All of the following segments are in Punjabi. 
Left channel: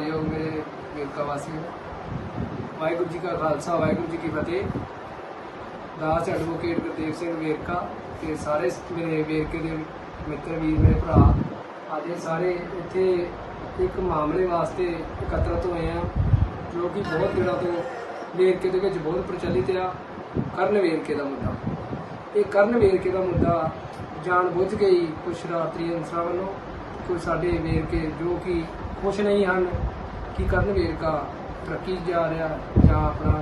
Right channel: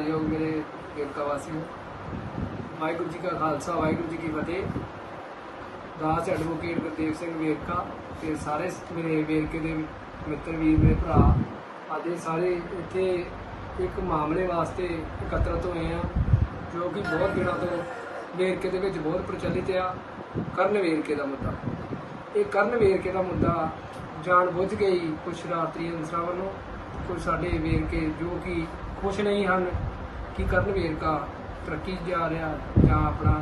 ਸਤਿਕਾਰਯੋਗ ਮੇਰੇ ਵੇਰਕਾ ਵਾਸੀ ਵਾਹਿਗੁਰੂ ਜੀ ਕਾ ਖਾਲਸਾ, ਵਾਹਿਗੁਰੂ ਜੀ ਕੀ ਫਤਿਹ। ਦਾਸ ਐਡਵੋਕੇਟ ਗੁਰਦੇਵ ਸਿੰਘ ਵੇਰਕਾ ਤੇ ਸਾਰੇ ਮੇਰੇ ਵੇਰਕੇ ਦੇ ਮਿੱਤਰ ਵੀਰ, ਮੇਰੇ ਭਰਾ, ਆਦਿ ਸਾਰੇ ਇੱਥੇ ਇੱਕ ਮਾਮਲੇ ਵਾਸਤੇ ਇਕੱਤਰਤ ਹੋਏ ਆ ਜੋ ਕਿ ਬਹੁਤ ਦਿਨਾਂ ਤੋਂ ਵੇਰਕੇ ਦੇ ਵਿੱਚ ਬਹੁਤ ਪ੍ਰਚਲਿਤ ਆ, ਕਰਨ ਵੇਰਕੇ ਦਾ ਮੁੱਦਾ। ਇਹ ਕਰਨ ਵੇਰਕੇ ਦਾ ਮੁੱਦਾ ਜਾਣ ਬੁੱਝ ਗਈ ਹੀ ਕੁਝ ਸ਼ਰਾਰਤੀ ਅਨਸਰਾਂ ਵੱਲੋਂ ਕੁਝ ਸਾਡੇ ਵੇਰਕੇ ਜੋ ਕਿ ਖੁਸ਼ ਨਹੀਂ ਹਨ ਕਿ ਕਰਨ ਵੇਰਕਾ, ਤਰੱਕੀ ਜਾ ਰਿਹਾ ਜਾਂ ਆਪਣਾ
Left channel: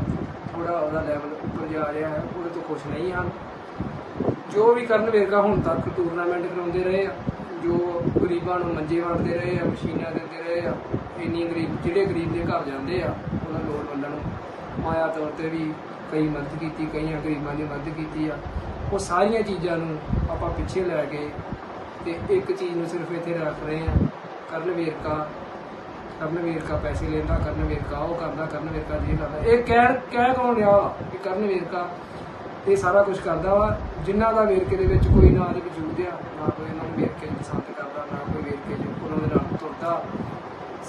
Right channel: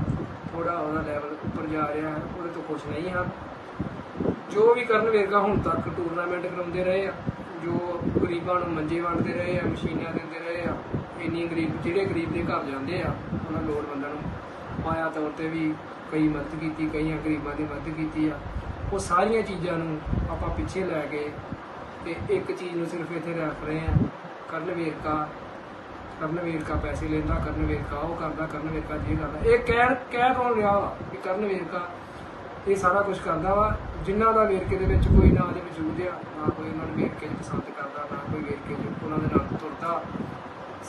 ਥੋੜਾ ਉਹਦਾ ਲੈਵਲ ਉੱਪਰ ਜਾ ਰਿਹਾ ਹੈ, ਉਹਦੇ ਤੋਂ ਖੁਸ਼ ਨਹੀਂ ਹਨ ਜੋ ਵੀ ਕਰਨ ਵੇਰਕਾ ਹੁਣ ਤੱਕ ਟੂਰਨਾਮੈਂਟ ਕਰਾਉਂਦੇ ਰਹੇ ਆ, ਜੋ ਗਰੀਬਾਂ ਨੂੰ ਮੰਜੇ ਵੰਡਦੇ ਰਹੇ ਆ, ਮਸ਼ੀਨਾਂ ਦਿੰਦੇ ਰਹੇ ਆ, ਇੰਨੀ ਗਰੀਬ, ਜਿਹੜੇ ਗਰੀਬ ਦੇ ਘਰ ਜਾਂਦੇ ਆ, ਉਹਨਾਂ ਲੋੜਵੰਦਾਂ ਨੂੰ ਮਾਇਆ ਤੌਰ ਤੇ ਵੀ ਕਈ ਮਦਦ ਕੀਤੀ, ਕਈਆਂ ਗਰੀਬਾਂ ਦੀ ਮਦਦ ਕੀਤੀ ਆ। ਉਹ ਸਾਰੀਆਂ ਚੀਜ਼ਾਂ ਨੂੰ ਆਪਾਂ ਪਿੱਛੇ ਲੈ ਕੇ ਤੇ ਇੱਕ ਚੀਜ਼ ਨੂੰ ਸਿਰਫ ਇੱਥੇ ਰੱਖ ਰਹੇ ਆ ਕਰਨ ਵੇਰਕਾ ਕਰਨ ਵੇਰਕਾ ਪੈਸੇ ਲੈਂਦਾ, ਕਰਨ ਵੇਰਕਾ, ਉਹ ਕਰਦਾ, ਕਰਨ ਵੇਰਕਾ, ਜੀ ਕਰਦਾ। ਇਹ ਕਹਿ ਕਹਿ ਕੌਣ ਰਿਹਾ ਵਾ ਕਿ ਕਰਨ ਵੇਰਕਾ? ਇਹ ਸਾਰਾ ਕੁਝ ਕਰਦਾ ਵਾ। ਜਿਨ੍ਹਾਂ ਦਾ ਵੇਰਕੇ ਦੇ ਵਿੱਚ ਕੋਈ ਨਾ ਦੇ ਵਜੂਦ ਆ, ਨਾ ਕੋਈ ਇਹਨਾਂ ਨੂੰ ਵੇਰਕੇ ਨੂੰ ਪਸੰਦ ਕਰਦਾ, ਨਾ ਕੋਈ ਵੇਰਕੇ ਚ ਉਹਨਾਂ ਦੇ ਨਾਲ ਤੁਰਦਾ।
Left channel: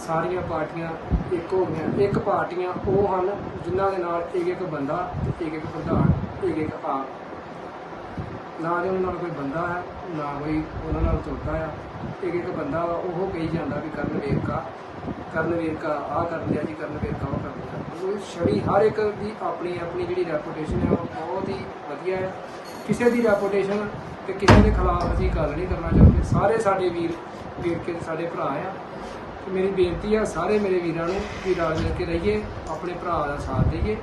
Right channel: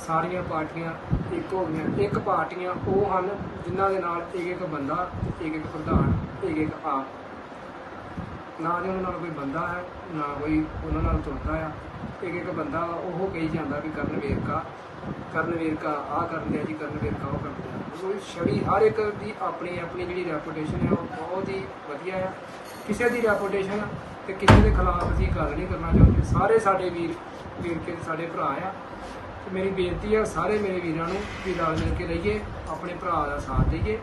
ਸਾਰੀਆਂ ਪਾਰਟੀਆਂ ਇੱਕ ਹੋ ਗਈਆਂ। ਇੱਕ ਪਾਰਟੀਆਂ ਉਹ ਹਨ ਜਿਨ੍ਹਾਂ ਦੇ ਨਾਲ ਇੱਕ ਇੱਕ ਬੰਦਾ ਇੱਕ ਇੱਕ ਪ੍ਰਧਾਨ ਇੱਕ ਇੱਕ ਆਪ। ਨਾ ਦੇ ਨਾਲ ਕੋਈ ਬੰਦਾ ਹੈ, ਨਾ ਕੋਈ ਉਹਨਾਂ ਨਾਲ ਤੁਰਦਾ ਆ। ਇੱਕ ਇੱਕ ਬੰਦਾ ਵਾ, ਉਹ ਕਹੀ ਜਾਂਦਾ ਵੀ ਕਰਨ ਵੇਰਕਾ ਕਰਨ ਵੇਰਕਾ ਆਹ ਕਰ ਲਿਆ ਜੀ ਕਰਨ ਵੇਰਕਾ ਉਹ ਕਰ ਲਿਆ ਉਹ ਛਵੀ ਹਰ ਇੱਕ ਦੀ ਆਪਣੀ ਆਪਣੀ ਜਿਹੜੀ ਰੈਪੂਟੇਸ਼ਨ ਹੈ ਉਹ ਬਹੁਤ ਹੀ ਵਧੀਆ ਹੈ ਕਿਸੇ ਦੀ ਰੈਪੂਟੇਸ਼ਨ ਤੇ ਕਿਸੇ ਦੇ ਖਿਲਾਫ ਅਸੀਂ ਗੱਲ ਨਹੀਂ ਕਰਨਾ ਚਾਹੁੰਦੇ। ਸਾਰੇ ਸਾਡੇ ਵੀਰ ਵੀਰ ਕੇ, ਸਾਡੇ ਭਰਾ ਆ। ਤੇ ਮੇਰੀ ਬੇਨਤੀ ਆ, ਸਾਰੇ ਮੇਰੇ ਵੀਰਾਂ ਨੂੰ ਕਿ ਰਲ ਮਿਲ ਕੇ ਰਹੀਏ, ਆਪਣੇ ਭਰਾ ਦਾ ਸਾਥ ਦਈਏ।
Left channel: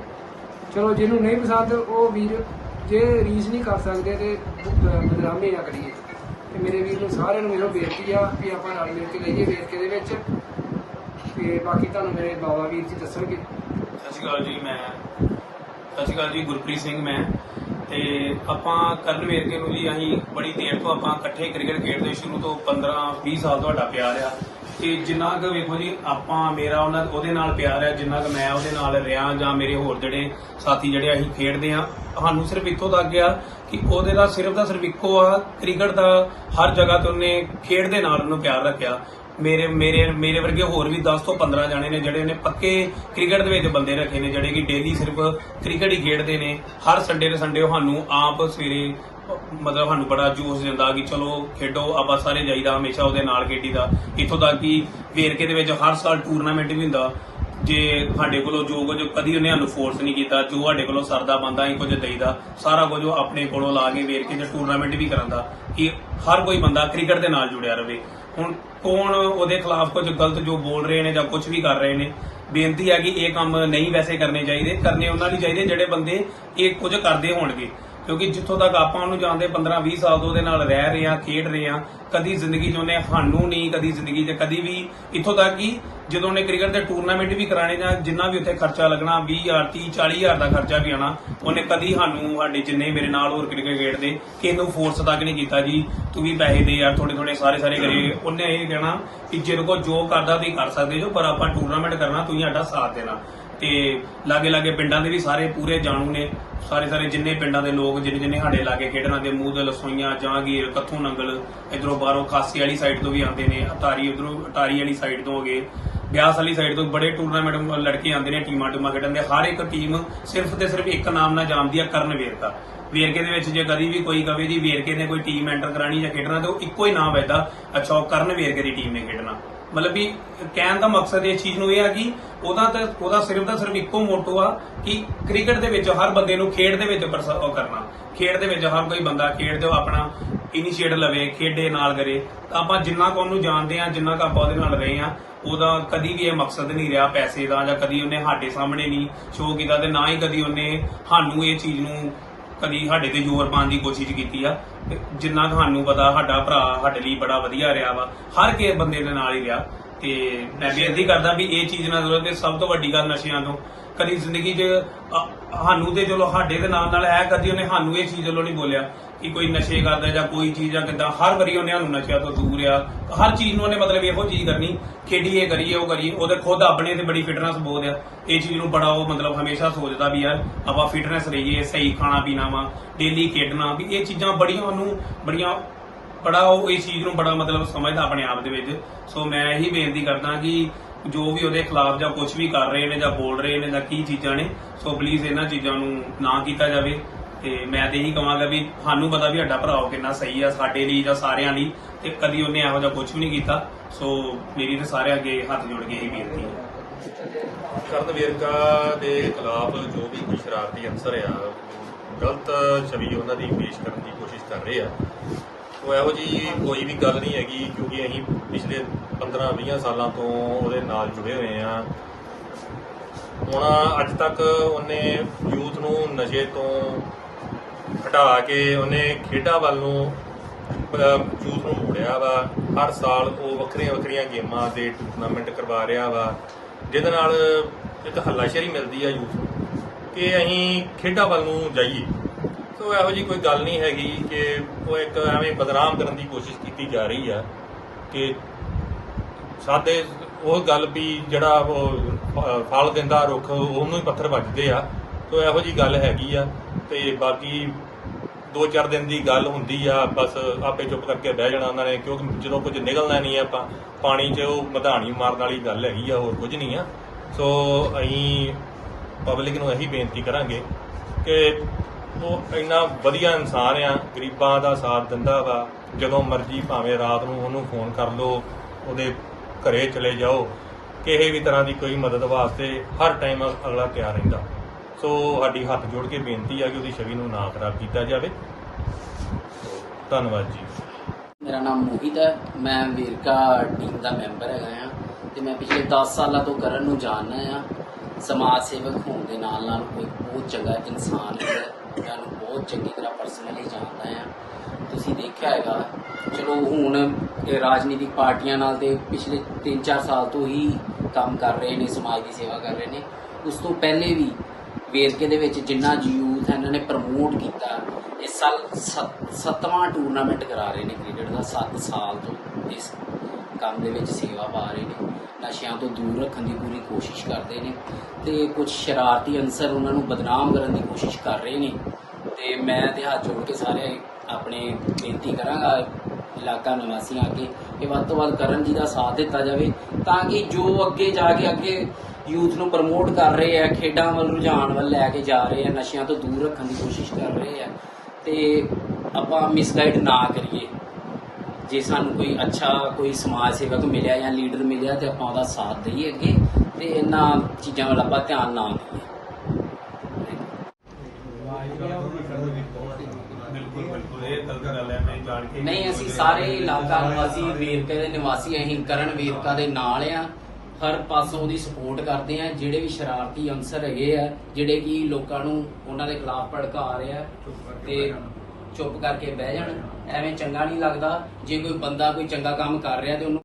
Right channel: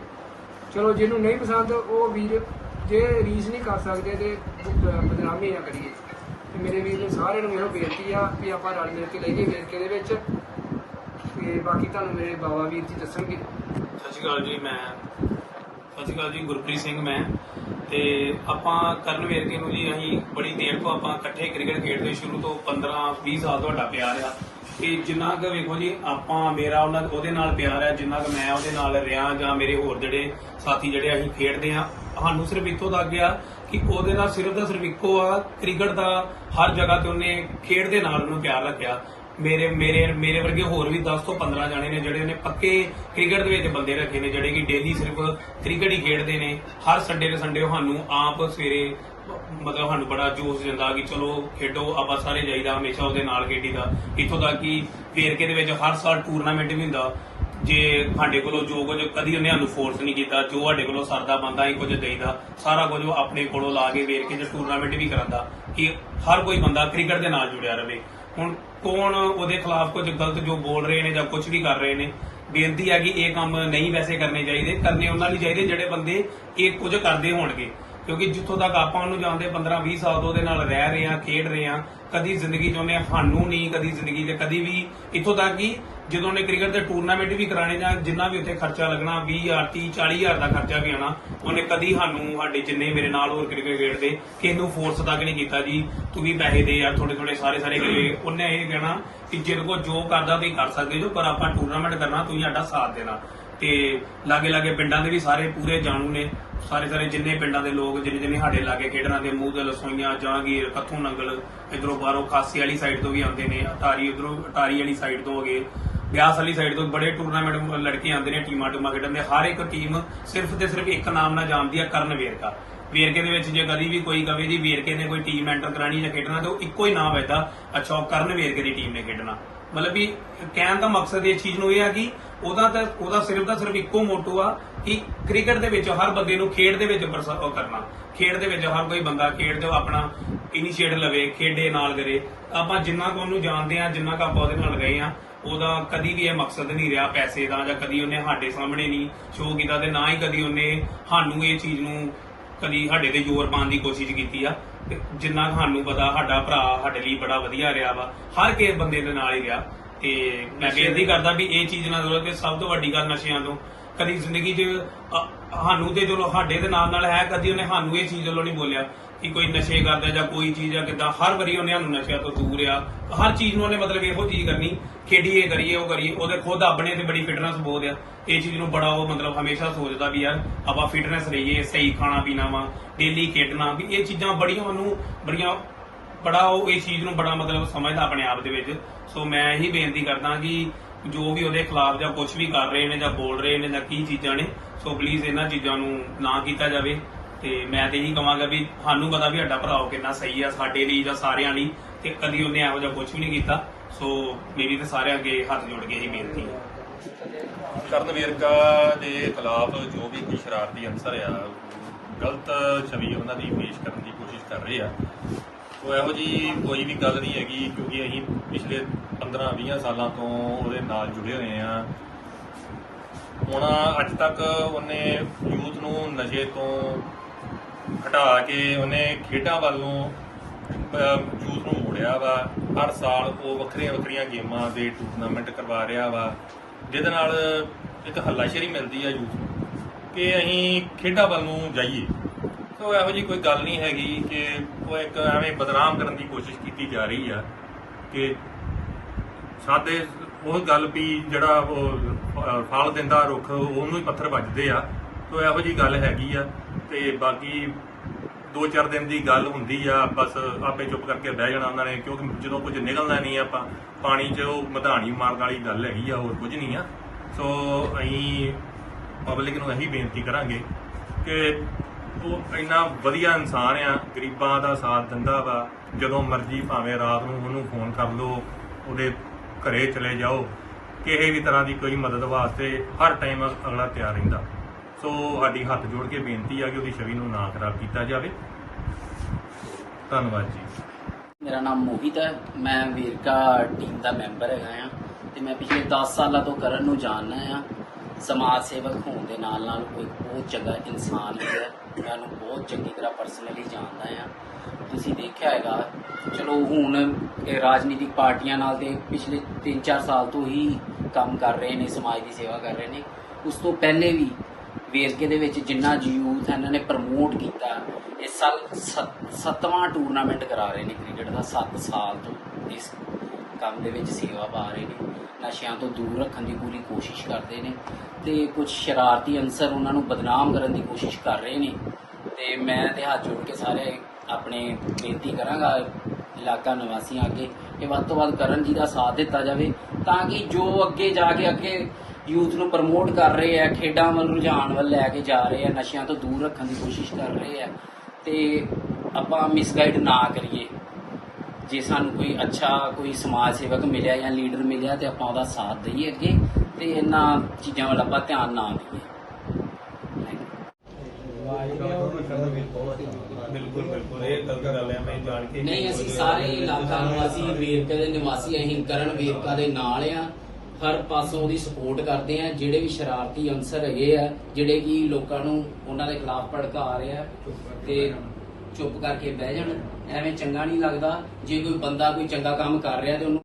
ਚਲੋ, ਜਿਹਨੂੰ ਨਹੀਂ ਪਸੰਦ, ਉਹ ਵੀਰ ਜੇ ਰੀਸ ਨਹੀਂ ਕਰ ਸਕਦੇ ਤੇ ਬਦਨਾਮੀ ਨਾ ਕਰੀਏ। ਤੇ ਮੇਰੇ ਵੀਰ ਨੂੰ ਸਾਰਿਆਂ ਨੂੰ ਇਹੋ ਬੇਨਤੀ ਆ ਵੀ ਆਪਾਂ ਰਲ ਮਿਲ ਕੇ ਲਈਏ ਵੇਰਕੇ ਦੇ ਵਿੱਚ। ਤੇ ਬਾਕੀ ਤੁਹਾਨੂੰ ਮੇਰੇ ਬਾਬਾ ਵੀਰ ਜੀ ਦੱਸਣਗੇ। ਸਤਿ ਸ਼੍ਰੀ ਅਕਾਲ ਜੀ, ਮੈਂ ਸਤਿ ਸ਼੍ਰੀ ਅਕਾਲ ਜੀ, ਗੁਰਪ੍ਰੀਤ ਸਿੰਘ ਮੈਂ। ਤੇ ਆਪਾਂ ਕਰਨ ਵੇਰਕੇ ਨੂੰ ਜੀ, ਅਸੀਂ ਬੜੀ ਦੇਰ ਤੋਂ ਆਪਾਂ ਇਕੱਠੇ ਕ੍ਰਿਕਟ ਖੇਡਦੇ ਸ਼ੁਰੂ ਤੋਂ 15 20 ਸਾਲ ਤੁਹਾਡਾ ਪਿਆਰ ਆ। ਤੇ ਜਿੰਨਾ ਕੁ ਵੇਖੋ ਜੀ, ਆਪਾਂ ਮੇਰਾ ਉਹਨਾਂ ਉਹਦੇ ਨਾਲ ਪਿਆਰ ਆ, ਜਿੰਨਾ ਕੁ ਮੈਂ ਉਹਦੇ ਨਾਲ ਰਿਹਾ ਜਾਂ ਮੇਰੇ ਹੋਰ ਜਿਹੜੇ ਸਾਥੀ ਜਿਹੜੇ ਅਸੀਂ ਖੇਡਦੇ ਆ, ਸਾਨੂੰ ਸਿਰਫ ਇੱਥੋਂ ਤੱਕ ਗਿਆ ਕਿ ਉਹਦੇ ਨਾਲ ਸਿਰਫ ਦਾ ਸਿਰਫ ਇੱਕੋ ਆ, ਕ੍ਰਿਕਟ ਦਾ ਹਰ ਜਗ੍ਹਾ ਤੇ ਉਹਨੇ ਖੇਡ ਦੇ ਨਾਲ ਉਹਨੂੰ ਪਿਆਰ ਰੱਖਿਆ। ਮੇਰੇ ਮੇਰੇ ਮੇਰੇ ਵਰਗੇ ਹੋਰ ਵੀ 10 ਤੋਂ 15 ਜਾਣੇ ਨੇ ਜਿਹੜੇ ਨੇ ਪੱਕੇ ਕ੍ਰਿਕਟ ਦੇ ਵਿੱਚ ਬੰਦੇ ਰੱਖੇ ਨੇ, ਜਿਹੜੇ ਕਿ ਡੇਲੀ ਸਿਰਫ ਕ੍ਰਿਕਟ ਹੀ ਖੇਡਦੇ ਨੇ। ਹਰ ਸੰਡੇ ਦੇ ਸੰਡੇ ਉਹ ਸਾਨੂੰ ਆਪ ਸਵੇਰੇ ਮਤਲਬ ਸਾਨੂੰ ਬੜਾ ਜੋਸ਼ ਦਿੰਦਾ ਕਿ ਚਲੋ ਖੇਡੋ, ਆਪਾਂ ਸਾਰੇ ਜਾਈਦਾ ਹਮੇਸ਼ਾ ਉਹਦੇ ਨਾਲ ਖੇਡੀਦਾ ਇੱਥੋਂ ਤੱਕ ਕਿ ਵੇਰਕੇ ਦੇ ਵਿੱਚ ਹਰ ਸਾਲ ਟੂਰਨਾਮੈਂਟ ਵੀ ਹੁੰਦਾ। ਜੇ ਸਾਡੇ ਕੋਲੋਂ ਜੋ ਕੁਝ ਕਦੀ ਉਹਨੇ ਸਾਨੂੰ ਫੋਰਸ ਨਹੀਂ ਕੀਤਾ, ਜੋ ਸਾਡੇ ਕੋਲੋਂ ਸਰਦਾ ਬੰਦਾ ਹੀ ਕੁਝ ਦੇਈਦਾ, ਸਾਰਾ ਕੁਝ ਉਹ ਆਪਣੇ ਕੋਲੋਂ ਲਾ ਕੇ ਵੇਰਕੇ ਦੇ ਟੂਰਨਾਮੈਂਟ ਵੀ ਕਰਾਂਦਾ ਕਿ ਹਰ ਕੋਈ ਬੰਦਾ ਕ੍ਰਿਕਟ ਦੇ ਨਾਲ ਜੁੜਿਆ ਰਹੇ। ਹੁਣ ਕੌਣ ਉਹਦੇ ਖਿਲਾਫ ਕੁਝ ਗਲਤ ਜੋ ਬੋਲ ਰਹੇ ਨੇ ਜਾਂ ਕੁਝ ਵੀ ਕਰ ਰਹੇ ਨੇ? ਬੇਨਤੀ ਹੈ ਕਿ ਇਹ ਕੰਮ ਨਹੀਂ ਵੈਸੇ ਕਰਨੇ ਚਾਹੀਦੇ। ਕਰਨੇ ਉਹਨਾਂ ਲਈ ਚਾਹੀਦੇ ਜਿਹੜੇ ਬੰਦੇ ਇਹ ਕੁਝ ਕਰਦੇ ਹੋਣਗੇ। ਕਿਉਂਕਿ ਜਿੱਥੋਂ ਤੱਕ ਆਪਾਂ ਉਹਨੂੰ ਜਾਣਦੇ 15 20 ਸਾਲ ਤੋਂ ਉਹਦੇ ਨਾਲ ਰਹਿ ਰਹੇ ਆ ਖੇਡ ਰਹੇ ਆ ਕਦੀ ਜ਼ਿੰਦਗੀ 'ਚ ਉਹਨੇ ਸਾਨੂੰ ਨਹੀਂ, ਕਦੀ ਜ਼ਿੰਦਗੀ 'ਚ ਕਦੀ ਵੀ ਇੱਥੋਂ ਤੱਕ ਕਿ ਜਦੋਂ ਉਹਨੇ ਕ੍ਰਿਕਟ ਦੇ ਟੂਰਨਾਮੈਂਟ ਵੀ ਕਰਾਣੇ ਜਾਂ ਜਿੰਨਾ ਵੀ ਉੱਥੇ ਖਰਚਾ ਲੱਗਣਾ 20000 30 40000 ਦਾ ਖਰਚਾ ਵੀ ਆਣਾ ਉਹਨੇ ਕਦੀ ਸਾਨੂੰ, ਸਾਡੇ ਜਿੰਨੇ ਮੇਰੇ ਨਾਲ ਹੋਰ ਕ੍ਰਿਕਟ ਖੇਡਦੇ ਕਿਸੇ ਨੂੰ ਫੋਰਸ ਤੱਕ ਨਹੀਂ ਕੀਤਾ ਜੀ, ਤੂੰ ਵੀ ਪੈਸੇ ਦੇ ਯਾਰ ਥੋੜੇ ਥੋੜੇ ਸਾਰੇ ਸਾਰੇ ਕਰੀਏ ਉਹਨੇ ਇਹ ਕਹਿਣਾ ਕਿ ਜਿਹਦੇ ਕੋ ਜੋ ਕਰਦਾ ਤੁਸੀਂ ਕਰ ਸਕਦੇ ਜੋ ਪਰ ਆਪਾਂ ਟੂਰਨਾਮੈਂਟ ਕਰਨਾ, ਤੁਸੀਂ ਸਾਡਾ ਸਾਥ ਦੇਣਾ। ਤੇ ਲਾਗੇ ਲਾਗੇ ਪਿੰਡਾਂ ਦੇ ਵੀ ਸਾਰੇ ਪੂਰੇ ਜਾਣੂ ਨੇ। ਸਾਰੇ ਸਾਰੇ ਜਿੰਨੇ ਪਿੰਡਾਂ ਦੇ ਲੋਕ, ਜਿੰਨੇ ਜਿੰਨੇ ਸਾਡੇ ਲਾਗੇ ਖੇਡਣ ਦੇ ਮੂੰਹ ਦੇ ਲਸੋਈਆਂ ਜਾਂਗੀਰ ਕੱਥੋਂ ਨੰਗਲ, ਇਧਰੋਂ ਬਾਹਰੋਂ ਖਾਸੀ ਵਾਲੀ ਸਾਈਡ ਤੋਂ ਵੀ ਆਉਂਦੇ ਨੇ, ਅਟਾਰੀ, ਉਧਰੋਂ ਅਟਾਰੀ ਵਾਲੀ ਸਾਈਡ ਤੋਂ ਹੋ ਗਏ। ਬਿਆਸ ਵਾਲੀ ਸਾਈਡ ਤੋਂ ਬੜੇ ਟੂਰਨਾਮੈਂਟ ਲੜਕੇ ਆਉਂਦੇ ਨੇ ਟੀਮਾਂ ਟੂਮਾਂ ਖੇਡਣ ਦੇ ਹਰ ਇੱਕ ਟੀਮ ਸਿਰਫ ਤੇ ਸਿਰਫ ਇੱਕ ਨਾਮ ਨਾਲ ਜਾਣਦੀ ਹੈ ਕਰਨ ਵੇਰਕਾ। ਵੇਰਕੇ ਦੇ ਵਿੱਚ ਜੇ ਕਦੀ ਵੀ ਕੋਈ ਕਵੇ ਜੀ ਵੇਰਕੇ ਨੇ ਕੋਈ ਟੀਮ ਐਂਟਰ ਕਰਾਣੀ ਜਾਂ ਖੇਡਣਾ, ਤੇ ਉਹ ਇੱਕੋ ਹੀ ਨਾਮ ਐਦਾ ਅੱਛਾ, ਉਹ ਕਰਨ ਵੇਰਕੇ ਦੀ ਟੀਮ ਨੇ ਖੇਡਣਾ। ਮਤਲਬ ਵੀ ਕਹਿਣ ਦਾ ਮਕਸਦ ਇਸ ਚੀਜ਼ ਨੂੰ ਇਹ ਆ ਕਿ ਉਹਦਾ ਤਾਂ, ਉਹਦਾ ਸਿਰਫ ਦਾ ਸਿਰਫ ਇੱਕੋ ਮੋਟੋ ਆ ਕਿ ਕ੍ਰਿਕਟ ਦੇ ਵਿੱਚ ਹਰ ਬੰਦੇ ਨੂੰ ਖੇਡ ਦੇ ਵਿੱਚ ਪਰਸ- ਉਹ ਕਰਨਾ। ਖੇਡ ਦੇ ਵਿੱਚ ਹਰ ਕੋਈ ਬੰਦਾ ਖੇਡ ਜੋ ਆਪਣਾ ਇਨੀਸ਼ੀਏਟ ਲਵੇ, ਖੇਡੇ, ਨਾਲ ਕਰੇ। ਤਾਂ ਆਪਾਂ ਜਿੰਨਾ ਕੁ ਉਹਨੂੰ ਜਾਣਦੇ ਆ ਜਿੰਨਾ ਕੁ ਆਪਾਂ ਉਹਦੇ ਨਾਲ ਰਹੇ ਆ ਉਹਦਾ ਕਦੀ ਵੀ ਇਹ ਮਕਸਦ ਨਹੀਂ ਰਿਹਾ ਪੈਸੇ ਦਾ ਜਾਂ ਕਦੀ ਉਹਨੇ ਸਾਡੇ ਸਾਹਮਣੇ ਨਹੀਂ ਸ਼ੋਅ ਕੀਤਾ ਤੇ ਨਾ ਹੀ ਕਦੀ ਉਹਨੇ ਸਾਨੂੰ ਇਹ ਚੀਜ਼ ਨੂੰ ਕਦੀ ਸਾਡੇ ਤੇ ਜ਼ੋਰ ਪਾਉਣ ਦੀ ਕੋਸ਼ਿਸ਼ ਕੀਤੀ ਆ। ਜਿੰਨਾ ਕੁ ਸਾਨੂੰ ਪਤਾ, ਸਾਡਾ ਭਰਾ ਸਾਡੇ ਲਈ ਬੜਾ ਵਧੀਆ ਰਿਹਾ ਵਾ। ਹਰ ਕਿਸੇ ਬੰਦੇ ਦੇ ਨਾਲ ਹੀ ਰਿਹਾ। ਤੇ ਮੈਂ ਬੇਨਤੀ ਕਰਦਾ ਵੀ ਇਹ ਚੀਜ਼ ਨਾ ਜ਼ਰੂਰ ਤੇ ਸਭ ਤੋਂ ਵੱਡੀ ਗੱਲ ਨਸ਼ਿਆਂ ਤੋਂ। ਕਦੀ ਜ਼ਿੰਦਗੀ 'ਚ ਸਾਨੂੰ ਤੇ ਚਲੋ ਸਾਡੇ ਦੇ ਨਾਲ ਨਾਲ ਹੈ, ਕਦੀ ਉਹਨੇ ਸਾਨੂੰ ਇਹ ਚੀਜ਼ ਵੱਲੋਂ ਨਹੀਂ ਬੋਲਿਆ। ਕਿ ਕੋਈ ਨਸ਼ੇ ਕਰਦਾ ਜਾਂ ਕੋਈ ਚੀਜ਼ ਆ ਕਿਦਾਂ, ਹਰ ਵਾਰੀ ਉਹਨੇ ਸਾਨੂੰ ਨਸ਼ਿਆਂ ਤੋਂ ਦੂਰ ਆ। ਹਰ ਚੀਜ਼ ਨੂੰ ਉਹਨੇ ਮਤਲਬ ਇਹੋ ਚੀਜ਼ ਕਰਨੀ, ਖੇਡੀਏ, ਕਰੀਏ, ਉਹ ਕਰੀਏ, ਉਹਦੇ ਖੁਦ ਆਪਣੇ ਤੇ ਬੜੀ ਫਿਟਨੈਸ ਬਹੁਤ ਆ। ਇਹ ਚੀਜ਼ ਨੂੰ ਬੜਾ ਉਹ ਮਤਲਬ ਹਮੇਸ਼ਾ ਸੋਚਦਾ ਵੀ ਯਾਰ, ਆਪਾਂ ਫਿਟਨੈਸ ਰਹੀਏ, ਸਹੀ ਖਾਣਾ ਪੀਣਾ ਵਾ ਡੇਲੀ ਖੇਡਣਾ। ਵੀ ਇਹ ਚੀਜ਼ਾਂ ਬੜੀਆਂ ਉਹਨੂੰ, ਬੜੀਆਂ, ਬੜਾ ਉਹ ਇਸ ਚੀਜ਼ ਨੂੰ ਬੜਾ ਮਤਲਬ ਸਮਝਦਾ ਆਪਣੇ ਆਪ ਦੇ ਵਿੱਚ। ਸੋ ਮੈਂ ਇਹੀ ਬੇਨਤੀ ਕਰਦਾ ਕਿ ਜੋ ਵੀ ਉਹਦੇ ਖਿਲਾਫ ਜਾਂ ਕੁਝ ਵੀ ਕਰ ਰਹੇ ਨੇ ਜਾਂ ਬੋਲ ਰਹੇ ਨੇ ਜਾਂ ਕੀ ਚੀਜ਼ਾਂ ਨੇ, ਸੋ ਪਲੀਜ਼ ਇਹਨਾਂ ਚੀਜ਼ਾਂ ਨੂੰ ਨਾ ਕੀਤਾ ਜਾਵੇ। ਤੇ ਮੈਂ ਤੇ ਇਹੀ ਕਹਾਂਗਾ ਵੀ ਸਾਨੂੰ ਪਤਾ ਵੀ ਸਾਡਾ ਭਰਾ ਕਿੰਨਾ ਸਹੀ ਆ, ਸਾਡੇ ਲਈ ਜਾਂ ਸਾਰਿਆਂ ਲਈ, ਤੇ ਕਦੀ ਉਹਨੇ ਇਹੋ ਜਿਹਾ ਕੁਝ ਵੀ ਨਹੀਂ ਕੀਤਾ। ਸੋ ਮੇਰੀ ਤੇ ਸਾਰਿਆਂ ਅੱਗੇ ਹੱਥ ਜੋੜ ਕੇ ਹੀ ਬੇਨਤੀ ਹੈ ਕਰਨ ਵੇਰਕਾ ਦੇ ਖਿਲਾਫ ਜੋ ਵੀ ਕੋਈ ਸ਼ਰਾਰਤੀ ਅਨਸਰ ਆ, ਗਲਤ ਛਵੀ ਉਹਨਾਂ ਦੀ ਪੇਸ਼ ਕਰਨ ਦੀ ਕੋਸ਼ਿਸ਼ ਕਰ ਰਹੇ ਆ। ਉਹ ਇਹੋ ਜੀ ਕੋਈ ਵੀ ਗੱਲ ਨਹੀਂ ਹੈਗੀ, ਕਿਉਂਕਿ ਅਸੀਂ ਪਿਛਲੇ 15-20 ਸਾਲਾਂ ਤੋਂ ਉਹਦੇ ਨਾਲ ਜੁੜੇ ਹੋਏ ਆ। ਹੁਣ ਅੱਜ ਤੱਕ ਉਹਨੇ ਯੂਥ ਨੂੰ ਨਸ਼ੇ ਤੋਂ ਹਟਾ ਕੇ ਉਹਨੇ ਖੇਡਾਂ ਵੱਲ ਨੂੰ ਯੂਥ ਨੂੰ ਮੋੜਿਆ ਵਾ। ਹਰ ਸਾਲ ਉਹ ਵੱਖਰੀਆਂ ਵੱਖਰੀਆਂ ਗੇਮਾਂ ਦੇ ਟੂਰਨਾਮੈਂਟ ਕਰਵਾ ਰਿਹਾ ਵਾ। ਜਿਹਦੇ ਨਾਲ ਇੱਕ ਹੱਲਾਸ਼ੇਰੀ ਮਿਲਦੀ ਆ ਯੂਥ ਨੂੰ ਕਿ ਅਸੀਂ ਖੇਡਾਂ ਵੱਲ ਨੂੰ ਜਾਈਏ। ਸੋ ਇਹੋ ਜੀ ਕੋਈ ਗੱਲ ਨਹੀਂ ਹੈਗੀ ਕਿ ਉਹ ਇੱਕ ਐਵੇਂ ਬਦਨਾਮ ਕਰਨ ਦੀ ਕੋਸ਼ਿਸ਼ ਕੀਤੀ ਜਾ ਰਹੀ ਆ ਕਿ ਸਾਡੇ ਉਹ ਗੱਲ ਵੀ ਜਿਹੜਾ ਉਹ ਫਲ ਦਿੰਦਾ ਰੁੱਖ, ਉਹਨੂੰ ਹੀ ਪੱਥਰ ਵੱਜਦੇ ਆ। ਸੋ ਇਹੋ ਜੀ ਗੱਲ ਹੈਗੀ ਆ। ਤੇ ਬਾਕੀ ਦੋ ਚਾਰ ਦਿਨ ਦੀ ਗੱਲ ਹੁੰਦੀ ਆ, ਬਸ ਆਪੇ ਚੁੱਪ ਕਰਕੇ ਬਹਿ ਜਾਣਾ ਉਹਨਾਂ ਨੇ, ਕਿਉਂਕਿ ਜਦੋਂ ਕੁਝ ਨਿਕਲਣਾ ਨਹੀਂ ਆਪਾਂ ਪਾਣੀ 'ਚ ਉਹ ਮਧਾਣੀ ਮਾਰਨ ਵਾਲੀ ਗੱਲ ਹੈਗੀ ਆ, ਹੋਰ ਕੁਝ ਨਹੀਂ ਆ। ਸੋ ਅਸੀਂ ਪਬਲਿਕ ਨੂੰ ਇਹੀ ਬੇਨਤੀ ਕਰਾਂਗੇ ਕਿ ਉਹ ਇੰਨਾ ਵਧੀਆ ਇਨਸਾਨ ਆ, ਗਰੀਬਾਂ ਦਾ ਸਾਥ ਦਿੰਦਾ ਵਾ, ਜਦੋਂ ਮਰਜ਼ੀ ਭਾਵੇਂ ਰਾਤ ਨੂੰ ਉਹਨੂੰ ਫੋਨ ਕਰ ਲਓ, ਉਹਦੇ ਘਰੇ ਚਲੇ ਜਾਓ, ਕਿਸੇ ਵੀ ਤਰ੍ਹਾਂ ਦੀ ਕੋਈ ਮਦਦ ਵਾਸਤੇ ਹਰ ਟਾਈਮ ਅਗਲਾ ਤਿਆਰ ਰਹਿੰਦਾ। ਸੋ ਸਾਡੀ ਹੱਥ ਜੋੜ ਕੇ ਬੇਨਤੀ ਆ ਕਿ ਉਹਦੀ ਛਵੀ ਨੂੰ ਨਾ ਖਰਾਬ ਕੀਤਾ ਜਾਵੇ। ਧੰਨਵਾਦ ਜੀ। ਮੇਰਾ ਨਾਮ ਮੋਹਿਤ ਹੈ। ਮੈਂ ਵੇਰਕਾ ਟੀਮ ਦਾ ਮੈਂਬਰ ਹੈਗਾ ਆ ਤੇ ਮੈਂ ਪਿਛਲੇ 10 ਸਾਲਾਂ ਤੋਂ ਕਰਨ ਨੂੰ ਜਾਣਦਾ ਆ। ਸਮਾਜ ਸੇਵਕ ਹੋਣ ਦੇ ਨਾਲ ਨਾਲ ਕੋਈ ਬਹੁਤ ਚੰਗਾ ਇਨਸਾਨ ਹੈ। ਮੈਂ ਉਹਨੂੰ ਬਹੁਤ ਚੰਗੀ ਤਰ੍ਹਾਂ ਪਰਸਨਲੀ ਜਾਣਦਾ ਆ। ਤੁਸੀਂ ਦੇਖਿਆ ਹੈਗਾ, ਚਲੋ ਹੁਣ ਇਹ ਰਾਜਨੀਤਿਕ ਪਾਰਟੀਆਂ ਨਾਲ ਤੇ ਪਿਛਲੇ 3-4 ਸਾਲ ਤੋਂ ਹੀ ਕੰਮ ਕਰ ਰਹੇ ਨੇ, ਸਮਾਜ ਦੀ ਸੇਵਾ ਕਰ ਰਹੇ ਨੇ। ਉਸ ਤੋਂ ਪਹਿਲੇ ਵੀ ਵੇਰਕੇ ਦੇ ਵਿੱਚ ਜਿੰਨਾ ਯੂਥ ਹੈ, ਇਹਨਾਂ ਨੇ ਪ੍ਰਮੋਟ ਕੀਤਾ। ਇਹ ਸਾਲ ਸੱਤ- ਸੱਤਵਾਂ ਟੂਰਨਾਮੈਂਟ ਕਰਾ ਰਹੇ ਨੇ ਕ੍ਰਿਕਟ ਦਾ 7 ਸਾਲ ਤੋਂ ਇਸ ਕੰਮ ਦੇ ਵਿੱਚ ਸੇਵਾ ਪਾ ਰਹੇ ਨੇ। ਨਸ਼ਿਆਂ ਤੋਂ ਦੂਰ ਰੱਖਣ ਦੀ ਪੂਰੀ ਕੋਸ਼ਿਸ਼ ਕਰਦੇ ਨੇ ਤੇ ਕੁਝ ਸ਼ਰਾਰਤੀ ਅਨਸਰ ਉਹਨਾਂ ਨੂੰ ਬਦਨਾਮ ਕਰਨ ਦੀ ਕੋਸ਼ਿਸ਼ ਕਰ ਰਹੇ ਨੇ। ਤੇ ਮੈਂ ਤੇ ਹੱਥ ਜੋੜ ਕੇ ਸਾਰੇ ਆਪਣੇ ਬੇਨਤੀ ਕਰਾਂਗਾ ਇਲਾਕਾ ਨਿਵਾਸੀਆਂ ਅੱਗੇ ਇਹ ਵੱਧ ਤੋਂ ਵੱਧ ਕਰਨ ਜੀ ਦਾ ਸਾਥ ਦਿੱਤਾ ਜਾਵੇ ਤਾਂ ਕਿ ਜੋ ਅੱਗੇ ਜਾ ਕੇ ਅੱਗੇ ਯੂਥ ਨੂੰ ਪ੍ਰਮੋਟ ਕਰ ਰਹੇ ਆ, ਖੇਡਾਂ ਵੱਲ ਰੁਝਾਨ ਵੱਲ ਲੈ ਕੇ ਜਾ ਰਹੇ ਆ, ਨਸ਼ਿਆਂ ਤੋਂ ਦੂਰ ਰੱਖਣ ਦੀ ਕੋਸ਼ਿਸ਼ ਕਰ ਰਹੇ ਆ, ਤੇ ਆਪਾਂ ਮਿਸਗਾਈਡ ਨਾ ਕਰੀਏ। ਜੇ ਸਾਨੂੰ ਕੋਈ ਅੱਛਾ ਕੋਈ ਸਮਾਜ ਸੇਵਕ ਮਿਲਿਆ ਜਾਂ ਲੀਡਰ ਮਿਲਿਆ ਤੇ ਆਪਾਂ ਉਹਦਾ ਸਾਥ ਦਈਏ ਅੱਗੇ ਤੇ ਇਹਨਾਂ ਚੀਜ਼ਾਂ ਵੱਲ ਆਪਾਂ ਧਿਆਨ ਨਾ ਦਈਏ। ਬਿਲਕੁਲ ਬਿਲਕੁਲ ਇਹ ਗਲਤ ਗੱਲ ਹੈ ਮੈਂ ਜਾਣ ਕੇ ਨਹੀਂ ਅਸੀਂ ਸਾਰੇ ਇਲਾਕਾ ਨਿਵਾਸੀ ਵੇਰਕੇ ਦੇ ਨਿਵਾਸੀ ਅਸੀਂ ਕਰਨ ਵੇਰਕਾ ਦੇ ਨਾਲ ਆ। ਹਰ ਪਾਸੋਂ ਉਹਦੀ ਸਪੋਰਟ ਕਰਦੇ ਆ ਜਿਹੜੇ ਵੀ ਸ਼ਰਾਰਤੀ ਅਨਸਰ ਹੈਗੇ ਆ ਜਿਹੜੇ ਕਿ ਲੋਕਾਂ ਨੂੰ ਉਹਨਾਂ ਦੇ ਖਿਲਾਫ ਭੜਕਾ ਰਹੇ ਆ ਤੇ ਚੁੱਪ ਕਰਕੇ ਬਹਿ ਜਾਣ ਐਵੇਂ ਚੰਗਾ ਨਹੀਂ ਲੱਗਦਾ। ਜੇ ਕੋਈ ਬੰਦਾ ਕੋਈ ਚੰਗਾ ਕੰਮ ਕਰ ਰਿਹਾ ਤੇ ਉਹਨੂੰ